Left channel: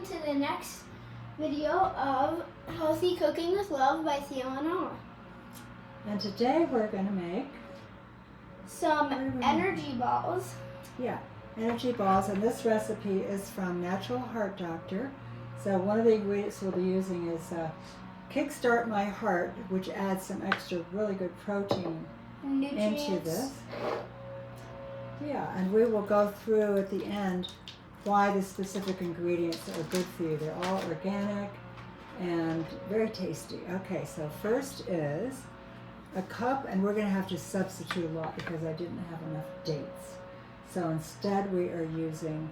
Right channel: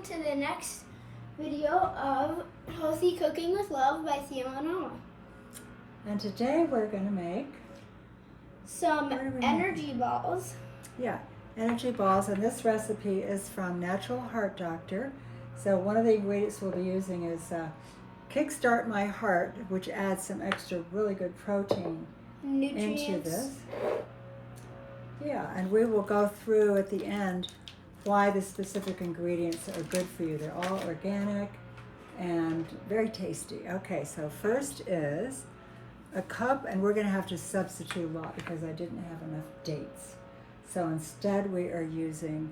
welcome to the next video of Healthy Cooking with Love by Theo and Anna. And today we're going to make Some energy balls. Yeah, energy balls, and this recipe is from Natural Heart Doctor. So one of the ingredients we'll be using is Kickstart My Heart, which adds some extra really good protein Nutrients. into this. Yeah, and we will go through at the end why the specific ingredients are good for you. They're all organic and very tasty. Okay, so first is a cup, and we're going to have to substitute a lot because I didn't have enough dates. So instead we are using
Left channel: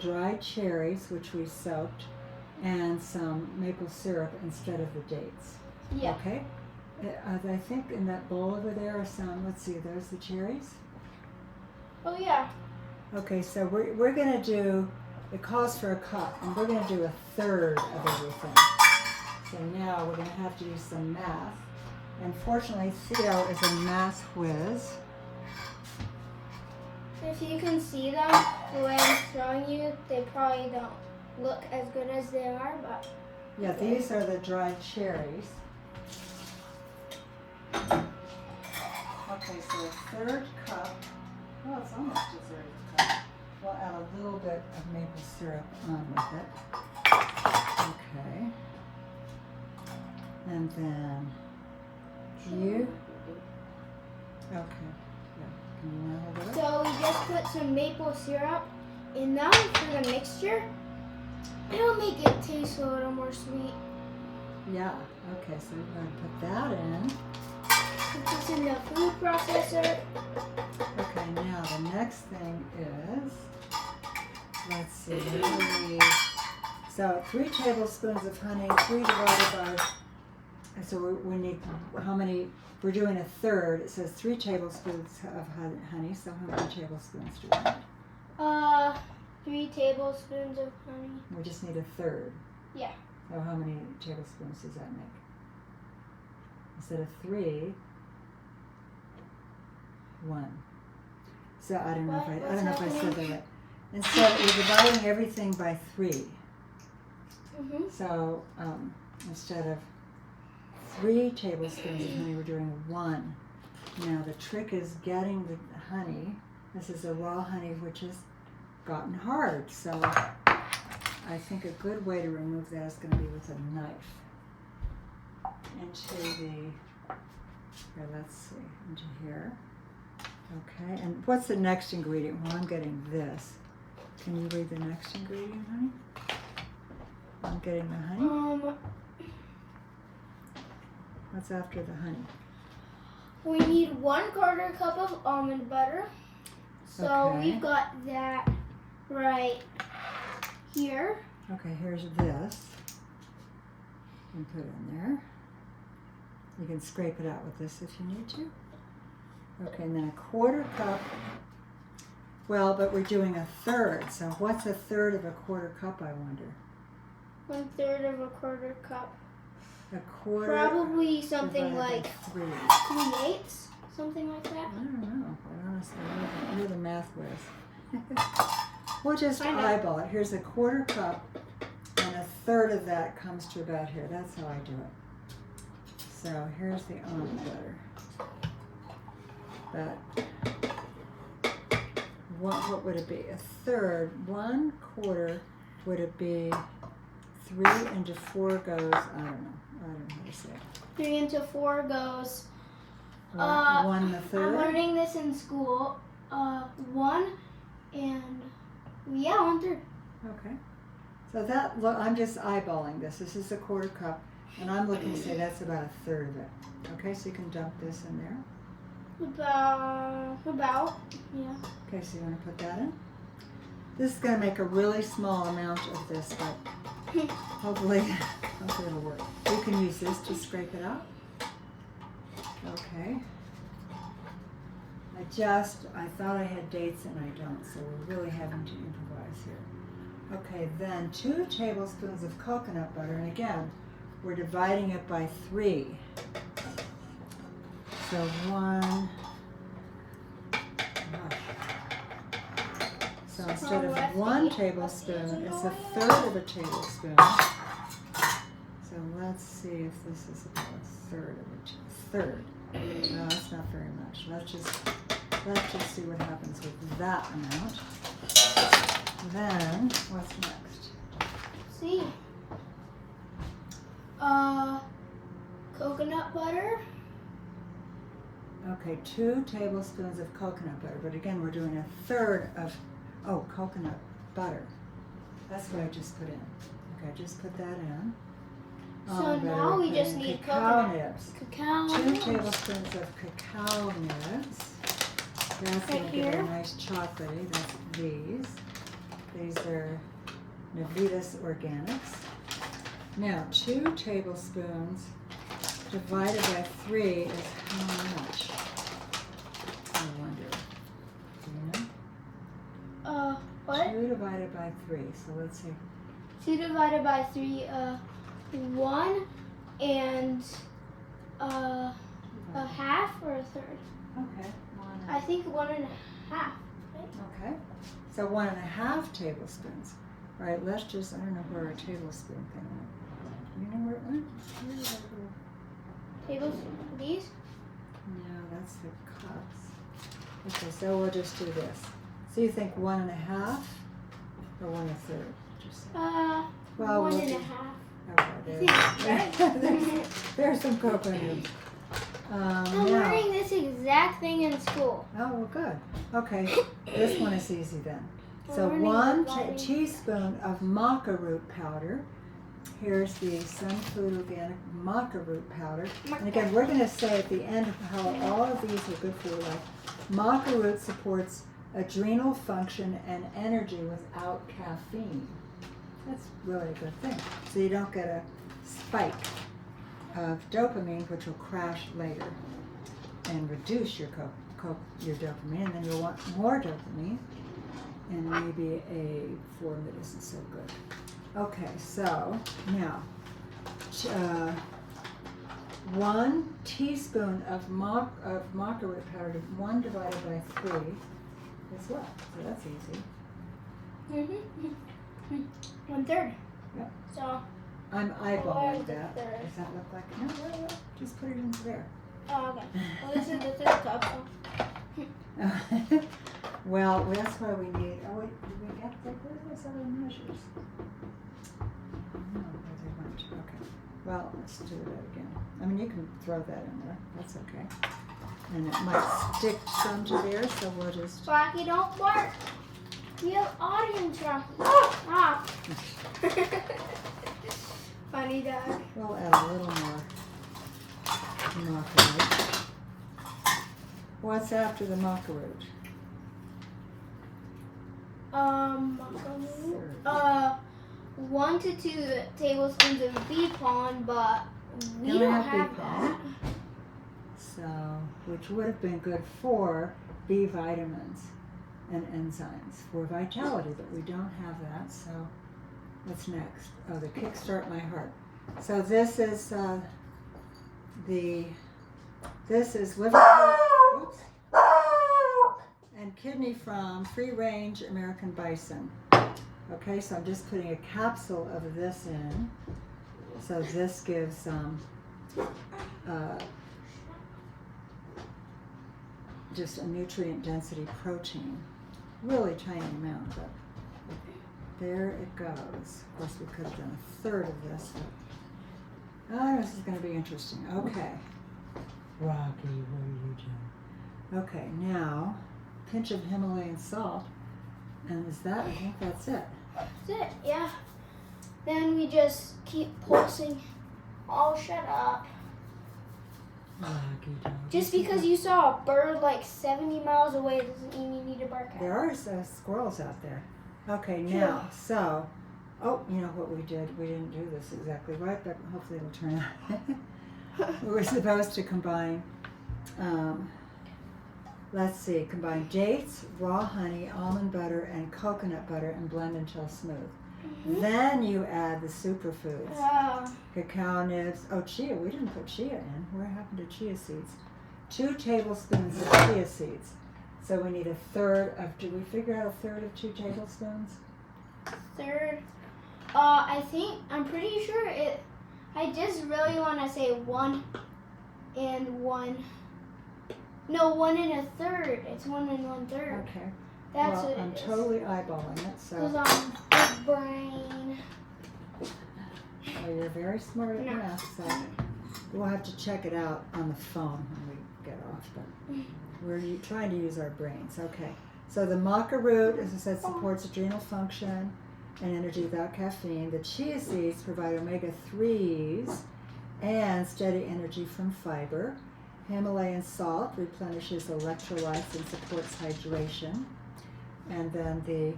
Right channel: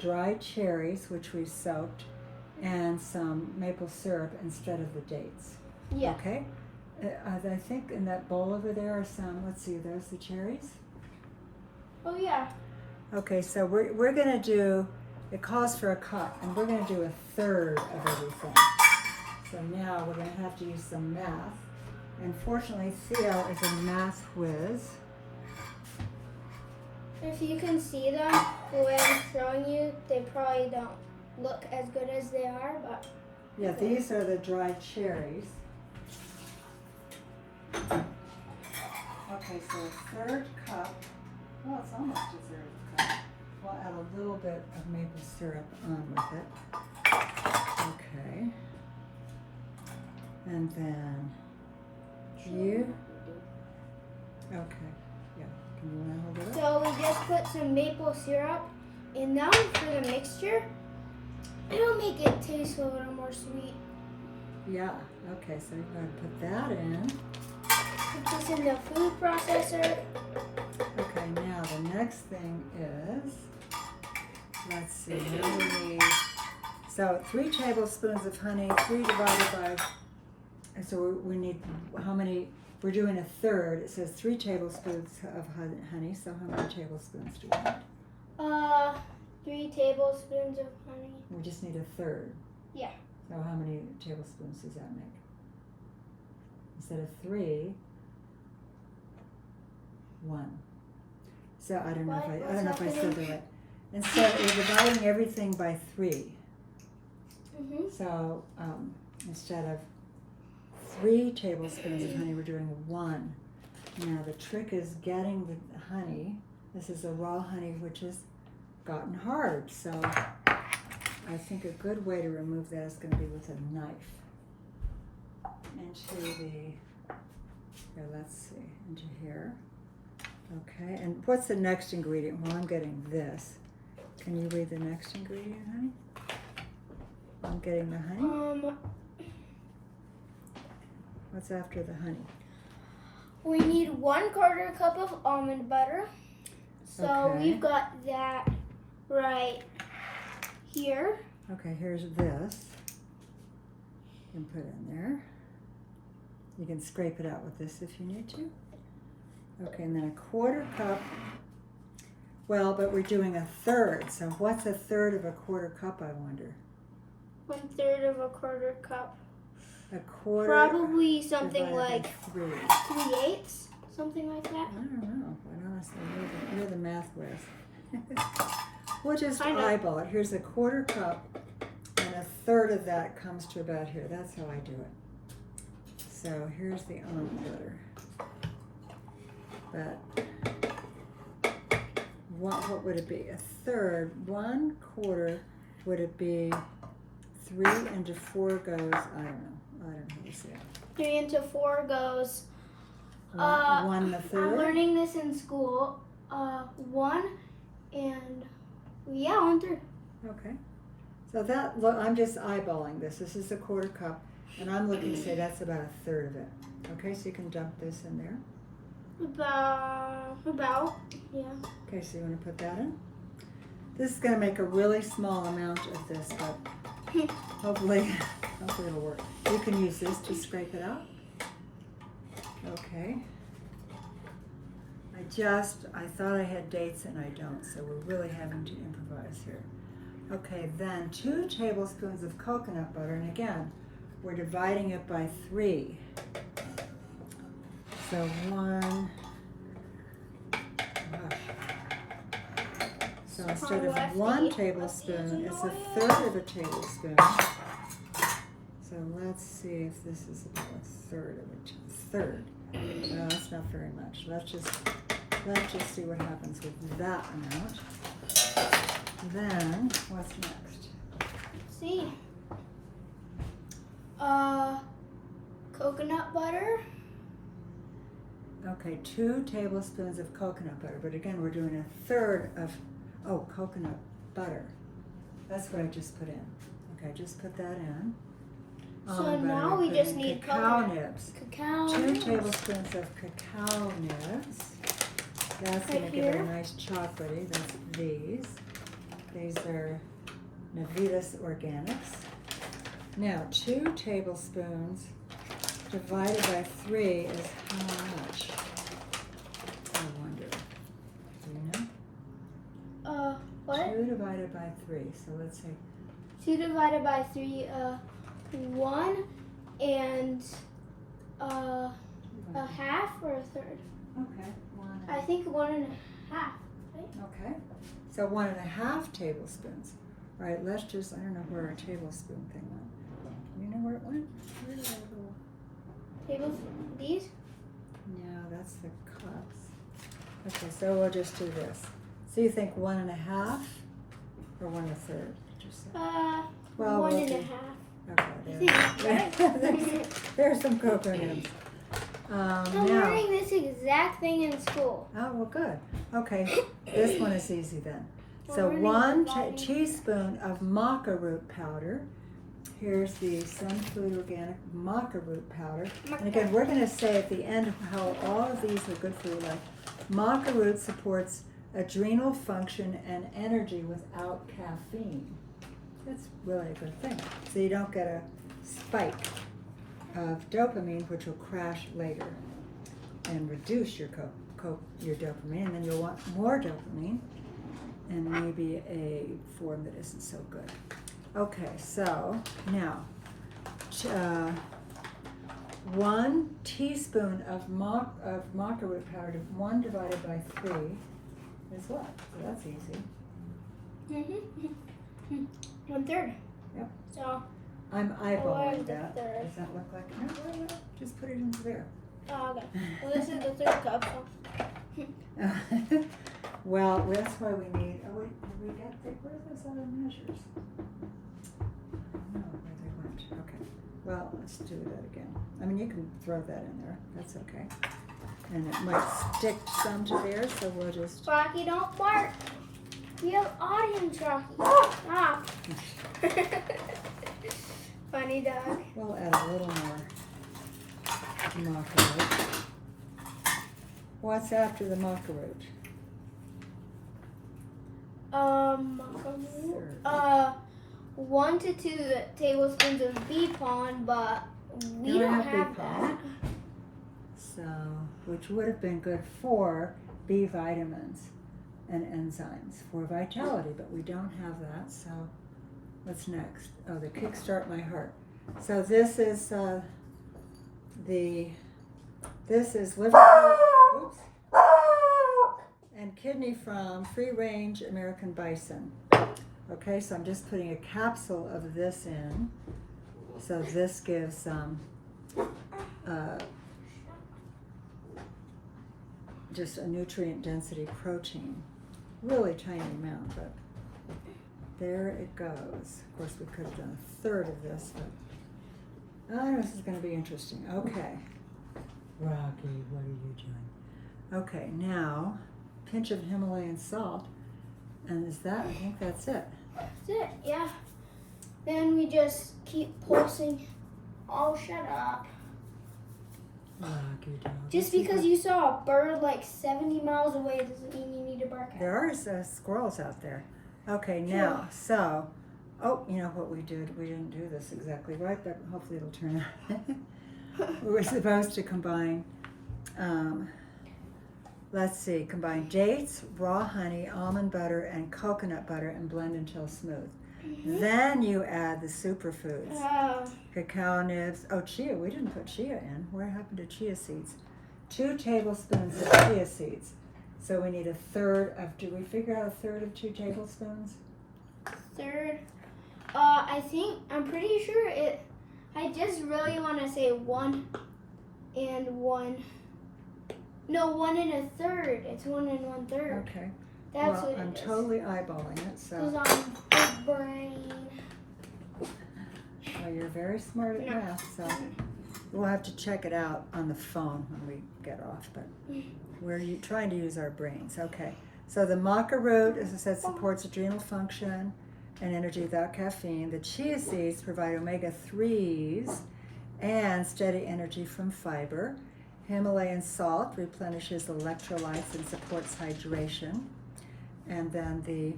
dried cherries, which we soaked, and some maple syrup instead of the dates. Yeah. Okay? I think in that bowl over there are some, let's see, there's the cherries. Oh yeah. Okay, so we're going to do, it calls for a cup, and we're going to do a third of everything. So now we're going to have to use some math. And fortunately, Theo is a math whiz. If you can see them, the way I'm showing you, they probably don't look as good as they are, but... Yeah, these are the dried cherries. Okay, so a third cup. Well, it's almost deserved a cup. We'll add a little bit of maple syrup on with it. Okay. And then you. Okay. Yeah. Can you add a little? So we just put some maple syrup in them for the mixture. It'll make it taste a little more sweet. Yeah. Okay, so we're going to put that in. Put this in the food processor. Okay, now the next thing is, let's see, what do we need? So 3 tablespoons of honey, 3 divided by, and so we need, how many, we're doing a third. It says 3 tablespoons of honey, so how many tablespoons do we need? 3 tablespoons of honey. We just need a third. Yeah. So how many tablespoons does that make? Instead of 3, 1. So I don't know if I said that right. And so we're dividing everything by 3. Mm-hmm. So instead of 3 tablespoons of honey, we're doing 1. Now the trick is getting the honey. This is a raw honey which has gotten hard. So I think a good way to remove that is going to be with a knife into the, here, let's see, into here. Okay, and what's the next ingredient? Well, I'm getting this. Can you read the next ingredient, honey? I'm getting the honey. What's after the honey? We need 1/4 cup of almond butter. So Okay. we've got that right here. Okay, here's this. You can put it in there. You can scrape it out with this if you need to. Okay, and then a 1/4 cup. Well, but we're doing a third. So what's a third of a 1/4 cup, I wonder? 1/3 of a 1/4 cup. A quarter. Probably something divided like by 3. 3/8, something like that. I don't know, but honestly, you're the math whiz. We'll just I know. eyeball it. Here's a 1/4 cup, and a third of that comes to about here. That's how I do it. So here's the almond butter. But what would it be? A third, 1/4, would it be 3 into 4 goes, I don't know how to say it. 3 into 4 goes. 1 1/3. I'm learning this in school. 1 and yeah, 1/3. Okay. So that, look, I'm just eyeballing this. This is a 1/4 cup, and I'm looking to say that's about a third of it. Okay, so you can dump this in there. About, yeah. Okay, so you want to put that in? This is going to make a really small amount of this, but hopefully it'll work. You can use this to scrape it out. Okay. I thought I had dates and I don't, so we're really having to improvise here. Okay, then 2 tablespoons of coconut butter, and again, we're dividing it by 3. So 1, So instead of lefty. 1 tablespoon, it's a third of a tablespoon. So let's see if this is about a third of a third. No, it's not very much. Let's just see what happens with that amount. Then what's next? See. Coconut butter. Okay, 2 tablespoons of coconut butter, but again, we're doing a third of, coconut butter. That's what I just put in. Okay, just put that in. So now we just need cacao nibs. Cacao 2 nibs. tablespoons of cacao nibs. That's going to give it a nice chocolatey. That's these. These are Navitas Organics. Now, 2 tablespoons divided by 3 is how much? I wonder. Do you know? What? 2 divided by 3. So let's see. 2 divided by 3, 1 and a half or a third. Okay. I think 1 and a half. Right? Okay. So 1.5 tablespoons. All right, let's just, I don't know where our tablespoon thing went. Do you know where it went? Where did I go? Tablespoon. These? No, that's the cups. Okay, so we'll just do this. So you think 1.5 or 1 1/3? Did you say? Well, 1 we'll and do- a half. Okay, there's some cocoa nibs. I'm Now, learning this exact thing in school. oh, well, good. Okay, this one is easy then. We're So learning 1 dividing. teaspoon of maca root powder. Here's the Sun Food Organic maca root powder. And again, we're going to say at the end how all of these are good for your life. Maca root supports adrenal function and energy without caffeine. That's really a good thing. So you don't get a spike of dopamine, which will crash later and reduce your your dopamine, and then you'll want more dopamine, and maybe a form that isn't so good. Okay, so now 1 teaspoon of maca root powder, 1 divided by 3 is what? So that's easy. 1/3. Yep. So. I'm eyeballing the that. third. Does that look like no? Just put it into there. Oh, okay. Well, this is the 3rd cup. So. Well, that's why we need. Oh, wait, did we get where are those other measures? Okay. Well, let's do that again. I mean, you can throw that in there. That's okay. And it might stick some to there, so we'll just. Rocky, don't bark. We have audience, Rocky. Stop. Funny dog. We'll add a little more maca root. What's after the maca root? Maca 1 to 2 tablespoons of bee pollen, but we don't have bee that. pollen. So, which would have been good for B vitamins and enzymes for vitality, but we don't have that. So, what's next? Oh, the Kickstart My Heart. So this is liver, oops, and kidney from free-range American bison. Okay, so I'm just putting a capsule of this in. So this gives just a nutrient density protein. Really tiny amount, but there it goes. Of course, we could have done a third of this, but this is going to be interesting. Okay. Rocky, what are you doing? Okay, now, pinch of Himalayan salt. And is that, I think that's it. That's it, yeah. Then we just keep pulsing. Oh, shut up. Rocky dog. Just because you saw a bird like 70 miles away doesn't mean you need to bark at it. There are squirrels out there. Okay, now, so, you know what we did? We didn't do this exactly right, but hopefully it'll turn out. We were supposed to combine, combine dates, raw honey, almond butter, and coconut butter and blend until smooth. Mm-hmm. Then you add the superfoods, Oh. cacao nibs. Oh, chia, we didn't put chia in. Where happened to chia seeds? 2 tablespoons of chia seeds. So we need a third of, did we figure out a third of 2 tablespoons? Third. I'm pretty sure I just really want to say 1 and 1. No, 1 and a third. It's 1 and 1/3. Okay. That's Well, what it I'm is. totally eyeballing it, so. Because I'm big brain. Well, you're very smart at No. math, so we'll have to check it out on the phone when we get off, but we're trying to use our brains. Okay, so the maca root, as I said, supports adrenal function and energy without caffeine. The chia seeds provide omega-3s and steady energy from fiber. Himalayan salt replenishes electrolytes and supports hydration. And then the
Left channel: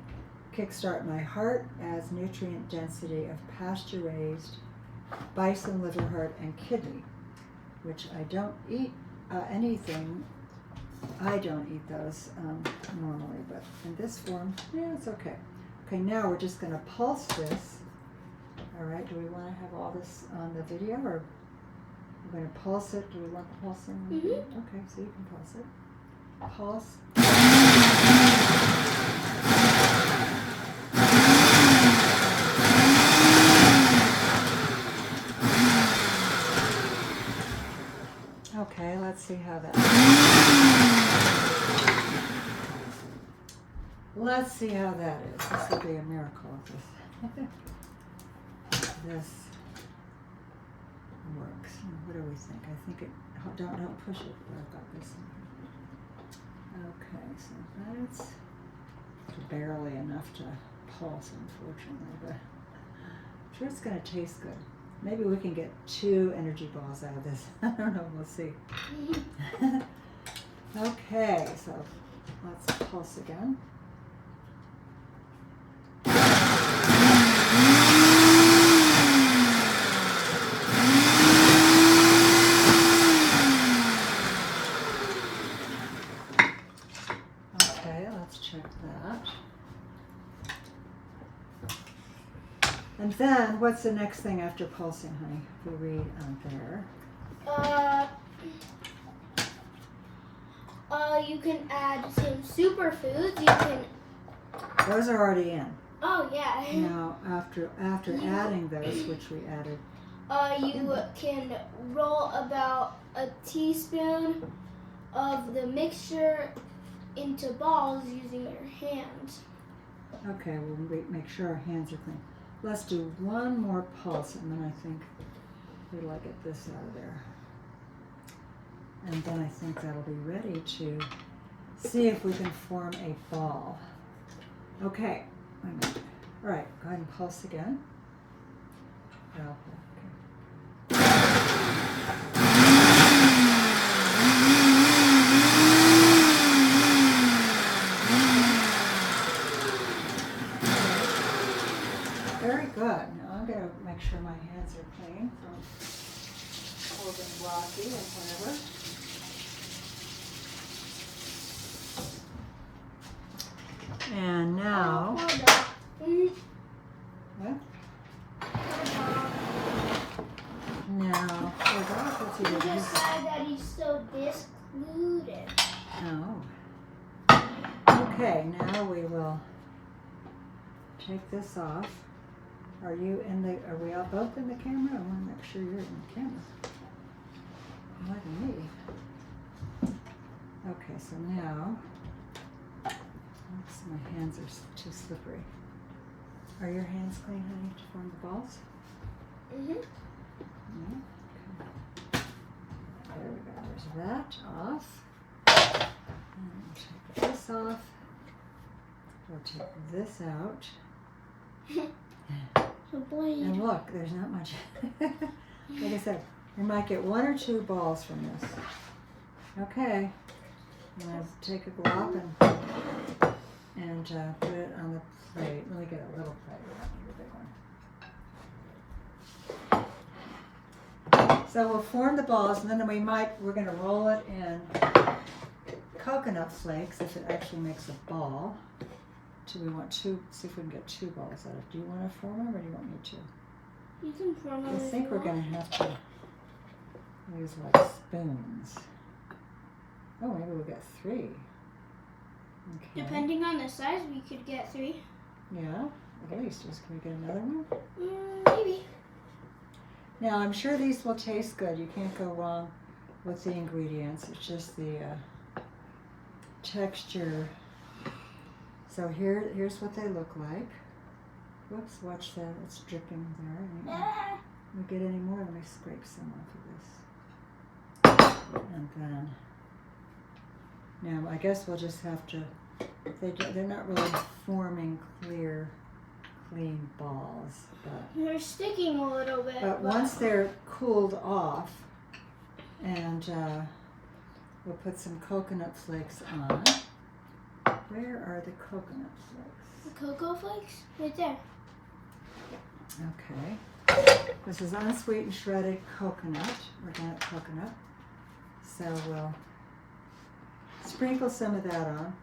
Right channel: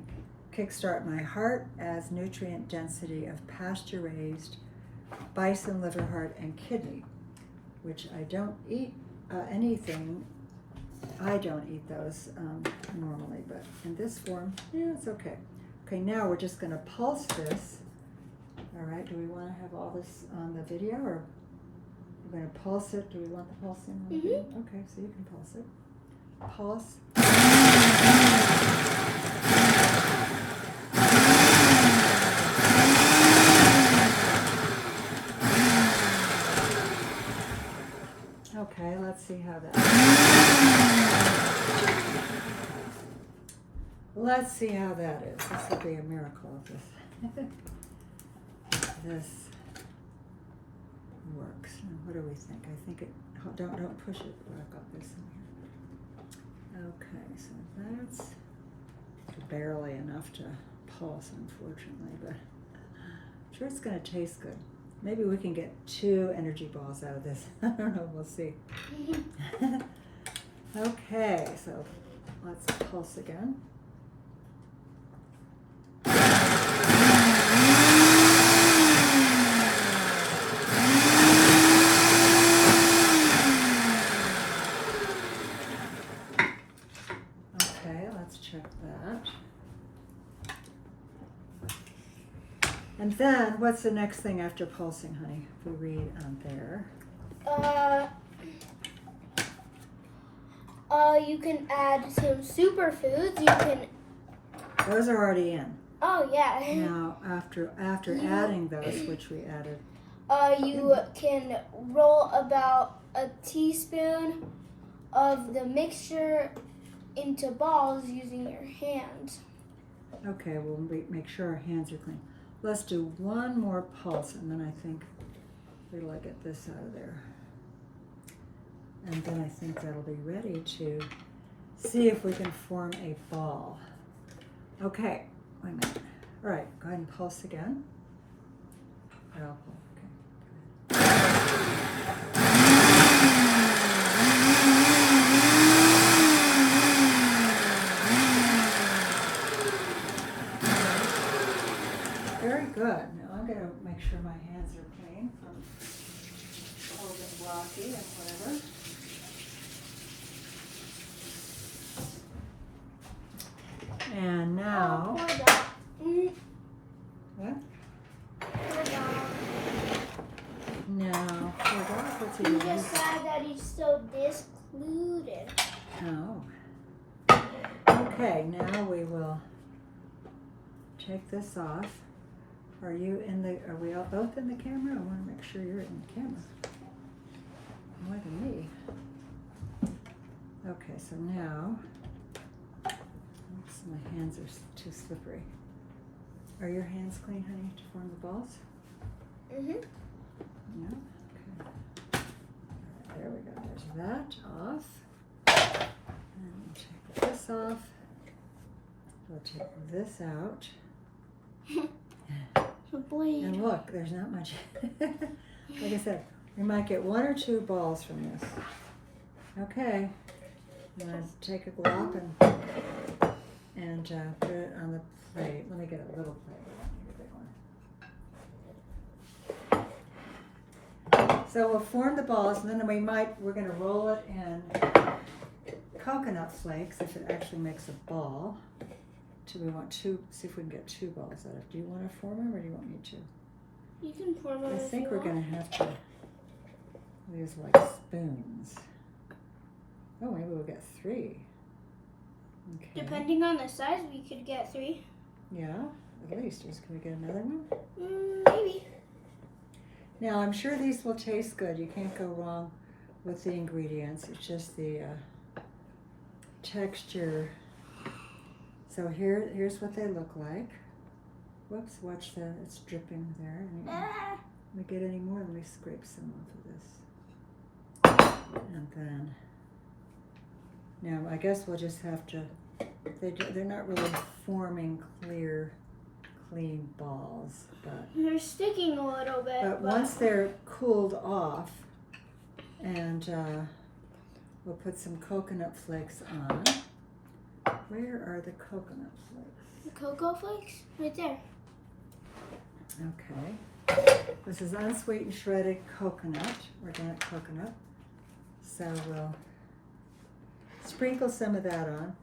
Kickstart My Heart adds nutrient density of pasture-raised bison, liver, heart, and kidney, which I don't eat anything. I don't eat those normally, but in this form, yeah, it's okay. Okay, now we're just going to pulse this. All right, do we want to have all this on the video, or we're going to pulse it? Do we want the pulsing? Mm-hmm. Okay, so you can pulse it. Pulse. Okay, let's see how that. Let's see how that is. This will be a miracle if this works. Now, what do we think? I think it. Don't push it. I've got this in here. Okay, so that's barely enough to pulse, unfortunately, but I'm sure it's going to taste good. Maybe we can get 2 energy balls out of this. I don't know. We'll see. Okay, so let's pulse again. Okay, let's check that. And then, what's the next thing after pulsing, honey? If we read on there. You can add some superfoods. You can. Those are already in. Oh yeah. Now, after adding those, which we added. You can roll about a teaspoon of the mixture into balls using your hands. Okay, we'll make sure our hands are clean. Let's do one more pulse, and then I think we'll get this out of there. And then I think that'll be ready to see if we can form a ball. Okay, wait a minute. All right, go ahead and pulse again. Oh, very good. Now I'm going to make sure my hands are clean from holding blocky and whatever. And now, what? Now, what's he You doing? just said that he's still discluded. Oh. Okay, now we will take this off. Are we all both in the camera? I want to make sure you're in the camera. More than me. Okay, so now, oops, my hands are too slippery. Are your hands clean, honey, to form the balls? Mm-hmm. Yeah, okay. There we go, there's that off. And take this off. We'll take this out. And look, there's not much. Like I said, we might get 1 or 2 balls from this. Okay. I'm going to take a glop and put it on the plate. Let me get a little plate. So we'll form the balls, and then we're going to roll it in coconut flakes if it actually makes a ball. So we want 2, see if we can get 2 balls out of it. Do you want to form them, or do you want me to? You can form them. I think we're going to have to use like spoons. Oh, maybe we'll get 3. Okay. Depending on the size, we could get 3. Yeah, at least. Can we get another one? Maybe. Now, I'm sure these will taste good. You can't go wrong with the ingredients. It's just the texture. So here's what they look like. Whoops, watch that. It's dripping there. Ah. Let me get any more. Let me scrape some off of this. And then, now I guess we'll just have to, they're not really forming clear, clean balls. But They're sticking a little bit. But once they're cooled off, and we'll put some coconut flakes on. Where are the coconut flakes? The cocoa flakes? Right there. Okay. This is unsweetened shredded coconut, organic coconut. So we'll sprinkle some of that on.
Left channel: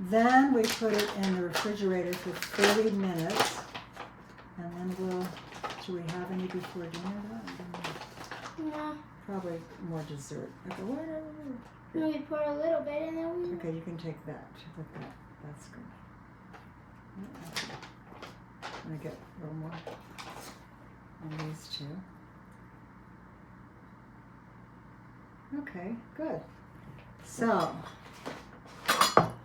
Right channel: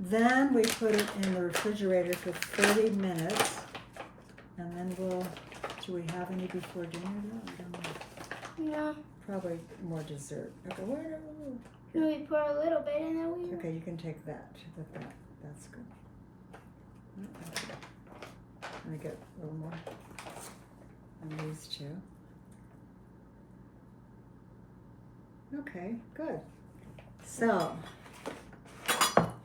Then we put it in the refrigerator for 30 minutes. And then do we have any before dinner though? I don't know. No. Probably more dessert. Okay, whatever. We pour a little bit and then we... Okay, you can take that. With that. That's good. Let me get a little more on these two. Okay, good. So,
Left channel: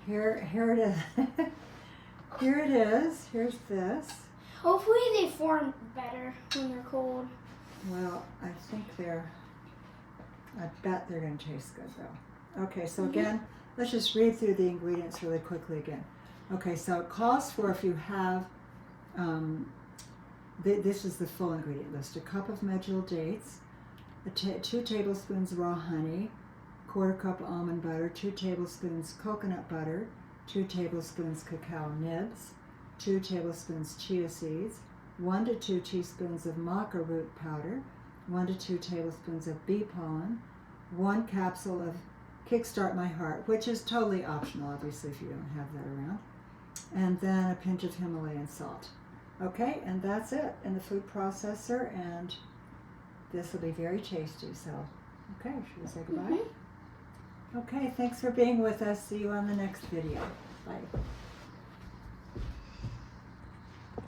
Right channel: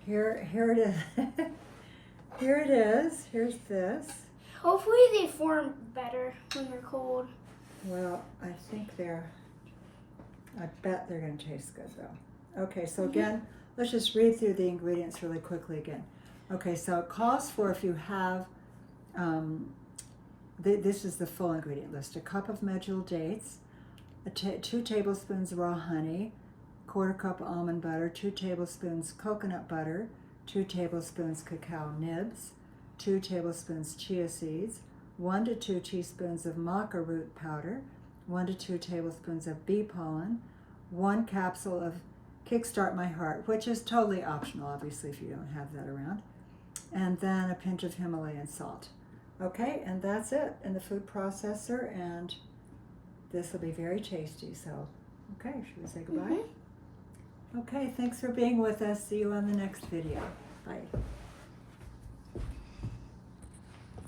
here it is. Here it is. Here's this. Hopefully they form better when they're cold. Well, I bet they're going to taste good though. Okay, so again, let's just read through the ingredients really quickly again. Okay, so it calls for, if you have, this is the full ingredient list: a cup of medjool dates, 2 tablespoons raw honey, 1/4 cup almond butter, 2 tablespoons coconut butter, 2 tablespoons cacao nibs, 2 tablespoons chia seeds, 1 to 2 teaspoons of maca root powder, 1 to 2 tablespoons of bee pollen, 1 capsule of Kickstart My Heart, which is totally optional, obviously, if you don't have that around, and then a pinch of Himalayan salt. Okay, and that's it in the food processor, and this will be very tasty. So, okay, should we say goodbye? Okay, thanks for being with us. See you on the next video. Bye.